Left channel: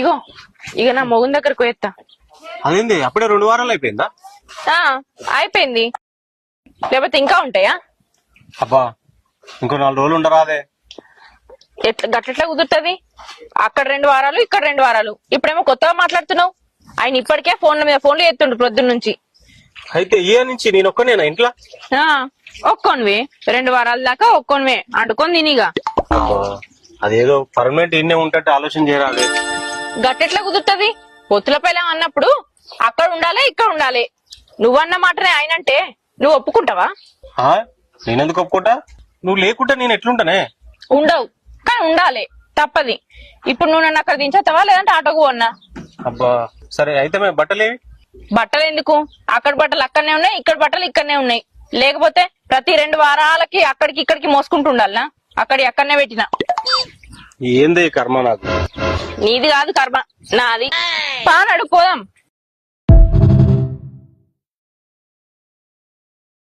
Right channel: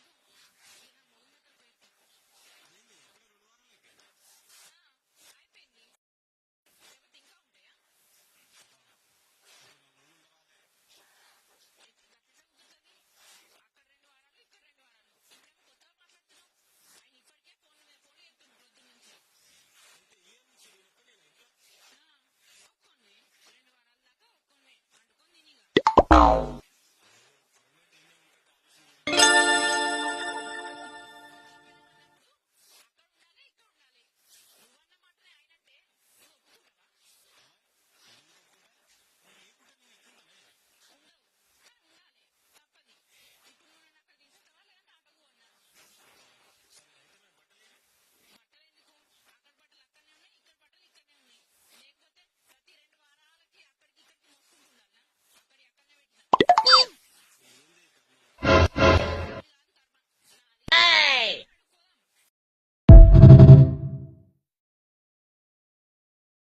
ఇగో ఇక నా మొగుని దగ్గరకు పోయేస్తా. అదేంది అప్పుడే 2 వారాలు అయిపోయిందా? అయిపోయింది. లేకపోతే ఇంకా ఉంటాయా? అబ్బా ఇంకో 4 రోజులు ఉండరాదే? గట్లెట్లా కుదురుతుంది? అక్కడ 2 వారాలు, ఇక్కడ 2 వారాలు. ఇప్పుడేమో కొత్తగా మాట్లాడుతున్నావు. ఆయన ఇప్పటికే ఫోన్ల మీద ఫోన్లు ఎత్తుండు ప్రొద్దున్న నుంచి. అయితే ఈ నుంచి నేను ఒక్కనేనా ఇంట్లో? ఒక్కొనివే 2 వారాల దాకా ఒక్కొనివే అంటుకొని తినిగా. అదేదో పర్మనెంట్ ఇన్నే ఉంటే ఆలోచన చేయరాదు. గట్టెట్లా కుదురుతుంది? పొత్తుల పిల్లం అన్నప్పుడు అక్కడ ఉండాలి, ఇక్కడ ఉండాలి. నువ్వన్న మాటనే ఆయనంటే నువ్వు ఒప్పుకుంటావా? నేనెందుకు ఒప్పుకుంటా? నువ్వు లేకుంటే నేను ఎట్లుంటానే? ఉండవు, కానీ ఉండాలి, తప్పది. ఇప్పుడు నువ్వు నన్ను అక్కడ దించేస్తావా లేదంటే ఆటోకు అన్నా? అబ్బా సరే అయితే మేము బట్టలేవి? బట్టలు ఎందుకు? అక్కడ బట్టలు అక్కడనే ఉన్నాయి, ఇక్కడ బట్టలు ఇక్కడనే ఉన్నాయి. లేకపోతే ప్రతి 2 వారాలకి అక్కడికి ఇక్కడికి మోసుకుంటూ ఉండాలనా? అక్కడనే పెట్టినా. ఏంది కర్మ నాకు? నీది కాదు కర్మ, నాది. పానడు పోదాం.